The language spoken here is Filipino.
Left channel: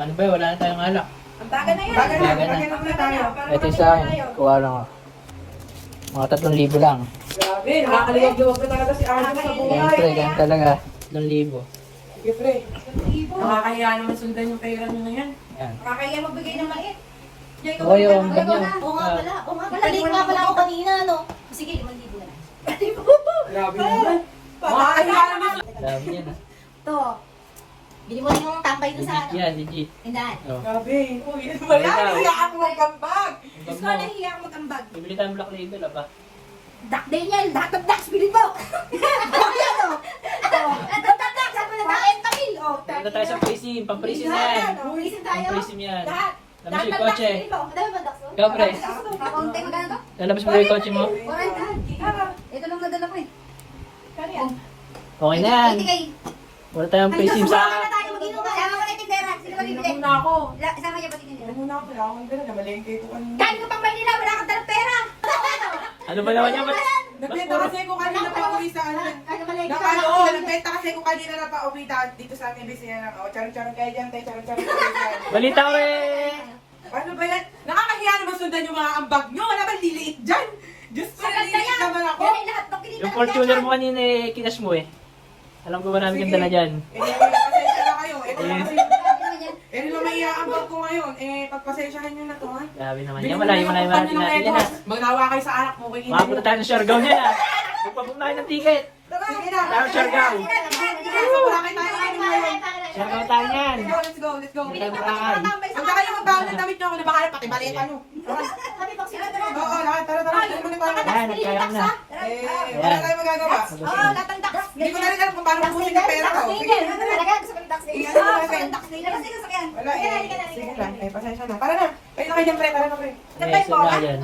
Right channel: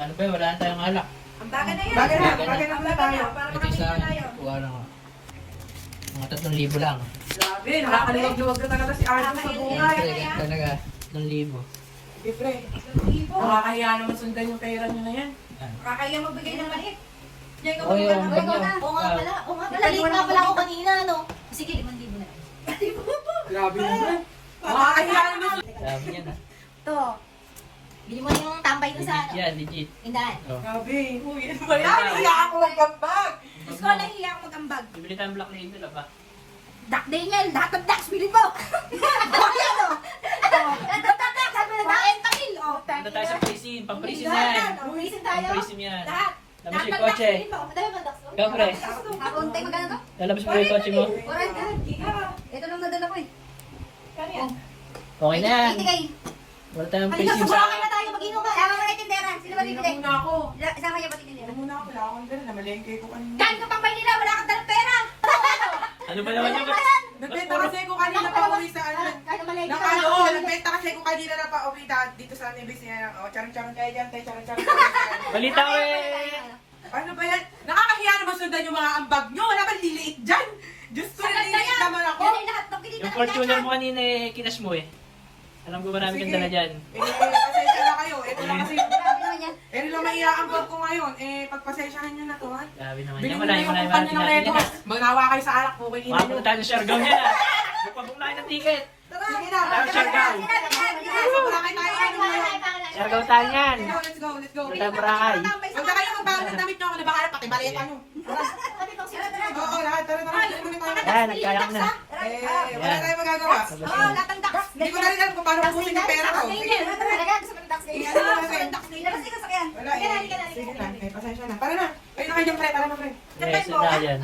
Ano ba, wala na tayong alak. Ang baga na yan. Baga na, Baga na. baga na tayo. Ito yung sa akin, kuha lang ako. Mga 3,000 lang. Grabe, nakakaliwag-luwag na talaga si Arjo sa buhay. Siyempre, ganyan talaga. 3,000. Siyempre, nakakahiya naman sundan yung pera nyo na yan. Yan. Kakaya magbigay ng mait. O, yung bag niya. Oo nga pala. Oo nga pala. Late nga pala ako kanina, no? Sige, 5,000 na. Grabe naman. Nakakahiya naman. Grabe yan ah. Ito. Bili mo na yung tambay doon sa Legit yan, legit. tindahan. Oh. Grabe. Uy, ano ba yan? Hiya ako magkambag. Gusto ko lang hiya ako mag-ambag. Bibili tayong black label, apa? Duck day yan. Lahat ng ducks, bili mo. Bakit ano? Lahat ng ducks, sabi na duck and tail. Oh, Punta tayo sa pricing, pang-pricing na yan. Pricing tayo. Pang-pricing yan. Lahat. Labas Lahat yung ng kotse. ducks, bili mo. Madami ba ducks? Ikaw, pre. Kakunti mo na to? Lalabas mo ba yung kotse mo? Ito lang nadala ko eh. Okay na yan. Ito kay. Wala tayong Halika, pricing sumama sa... na tayo mag-inom. Sama mo kay tindera. Sino magbibigay? Muna ako. Sama niya ba tindera? Huwag muna ako. Wala akong pera. Namalengke ko kanina. Dahil ka pang Maynila, wala kang dalang pera. Ano ba naman yung... Nagbenta kasi ko kanina pa uwi sa ano. Ano malay ka? Oo, nagbenta kasi ko kanina na pa uwi dito sa aming business. O, charang-charang kayo dyan, tayo charang-charang kayo. Balita ko eh! Ano ba yan? Nakakahiya naman sundan yung mga ambag nyo. Wala ba liliit dyan? Diyos ko, naliliit naman ako. Yan ay lahat ng kinita. Yung Fortuner mo kanina eh, kinas mo eh. Alam ko ba namin yung dala dyan? Pasensya na kayo. Ito na kasi. Grabe naman yan. Naman iaambag ko ngayon. Pagpasensyahan nyo na to, ha? Grabe naman Bili yan. mo Malayo na malayo yung natin kanya ng natin yan record. ah. Magnawa kayo sa alak mo. Kay Makapunta tayo sa Siargao niya ah. Magpabong na kayo ng ticket. Sige na. Tayo sa Siargao. Sakay tayo. Siargao tayo yan. Let's go, let's go. Kita Boracay. Huwag na kayo magbago ng damit nyo ako na baka pati maliit ano. Sabi ko, sino talaga? Oo, lahat. Tara. Hindi mo na tayo. Yan, nagkaya mo na. Wala tayong magagawa. Oo, lahat ng ducks. Hindi ko na rin alam kung paano kukunin yung pera ko. Sige. Talaga, gusto ko ng ducks. Sige, ano natin? Labas ka sa sakyan. Wala eh. Sige lang. Pasensya na. Para na. Kayo na kayo dyan, pre. Tara na, pre. Yes, yun na yan.